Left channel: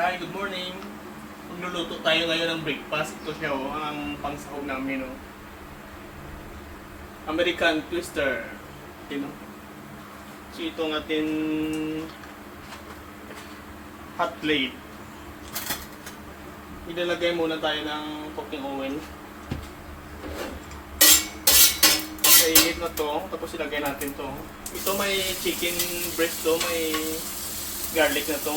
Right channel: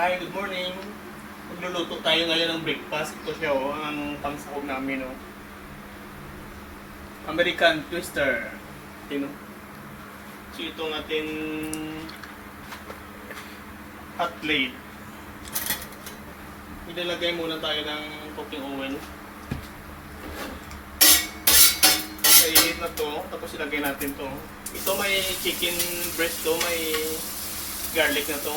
Hi, good morning. Magluluto tayo ngayon ng breakfast. Ito siya ang pangsahog namin American Twister. So ito ang ating hot plate. Ilalagay muna tayo ng cooking oil. Mainit na to, tapos ilagay natin to. Ito may chicken breast to, may garlic na to.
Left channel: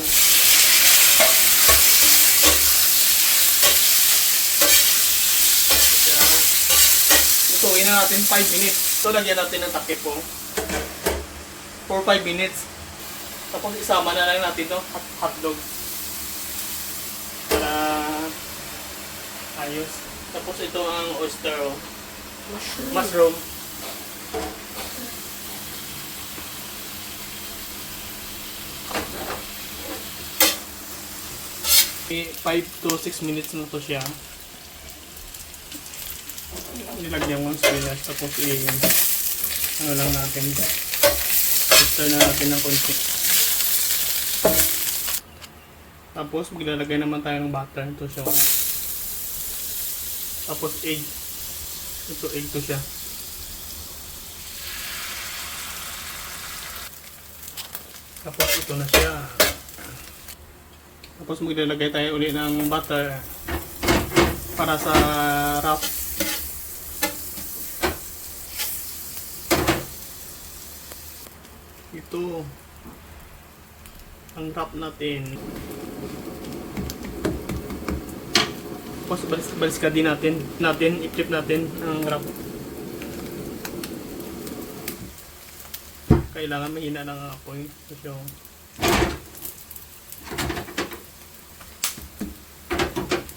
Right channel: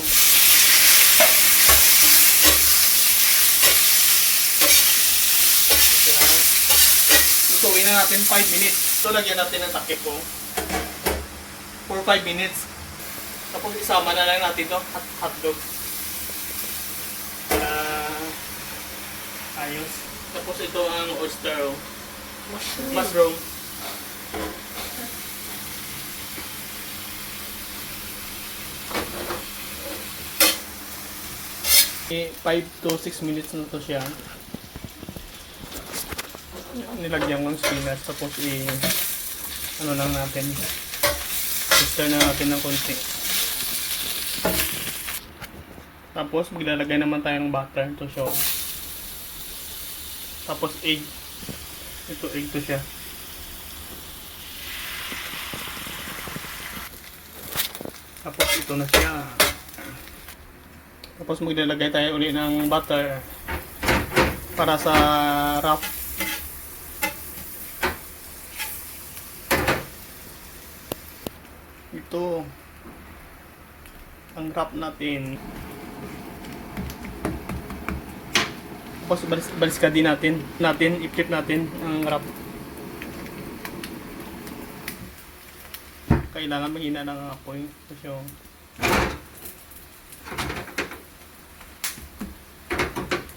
Lutuin na natin 5 minutes. So lagyan natin ng takip po for 5 minutes. Tapos isama na lang natin to hotdog. Ayos. Tapos ito ang oyster mushroom. 5 to 6 minutes na to siya. Nilagyan mo ng spinach, tapos ano lang natin, stir na natin ng konti. Tapos maglalagay naman tayo ng butter. Ito siya. Tapos egg. Ito egg to siya. Tapos ito na siya. Tapos maglalagay tayo ulit ng butter para sa wrap. Ito ang wrap natin. Tapos baliskadin natin i-flip natin ang wrap. Kailangan mahina ng apoy. So,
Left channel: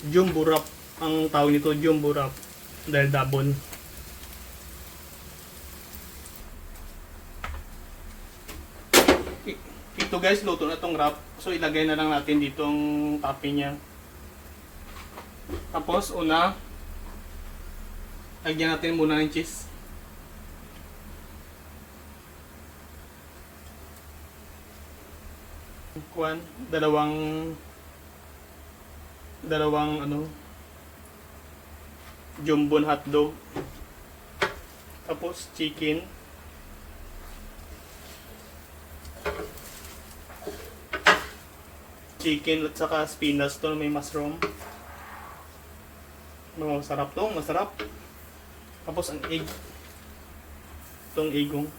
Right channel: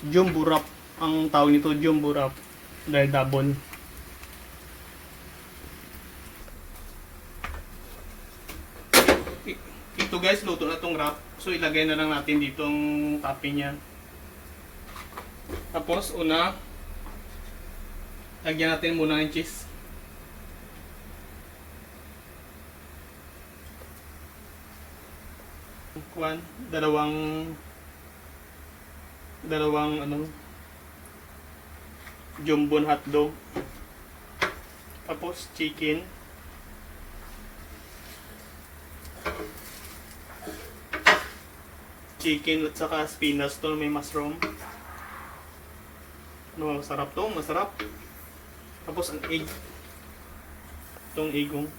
jumbo wrap ang tawag nito, jumbo wrap dahil double. Ito guys, luto na tong wrap. So ilagay na lang natin dito ang topping niya. Tapos una, lagyan natin muna ng cheese. Dalawang jumbo hotdog. Tapos chicken. Chicken at saka spinach to may mushroom. Masarap to, masarap. Tapos ang egg. Itong eggong.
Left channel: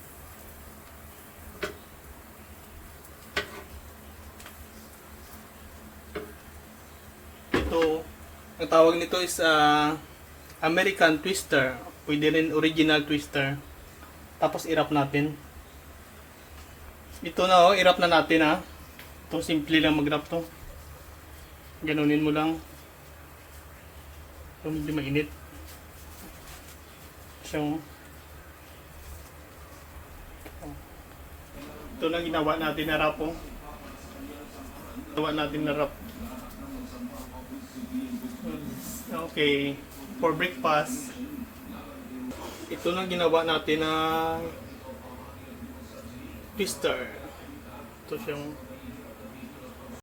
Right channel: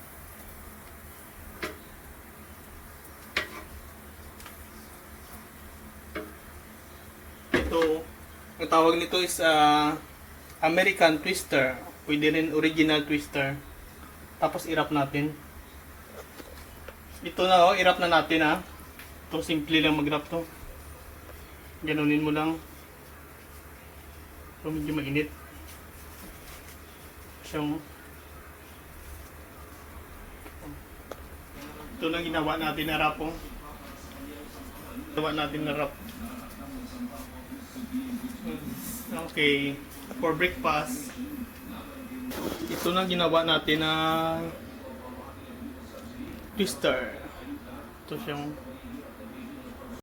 Ito, ang tawag nito is American Twister. Pwede rin original Twister. Tapos i-wrap natin. Ito na i-wrap na natin Itong simple lang mag-wrap to. Ganunin mo lang. Kung hindi mainit. So, ito lang ginawa natin na wrap Ginawa natin na wrap. Okay. For breakfast, ito lang ginawa natin na twister. Ito siyang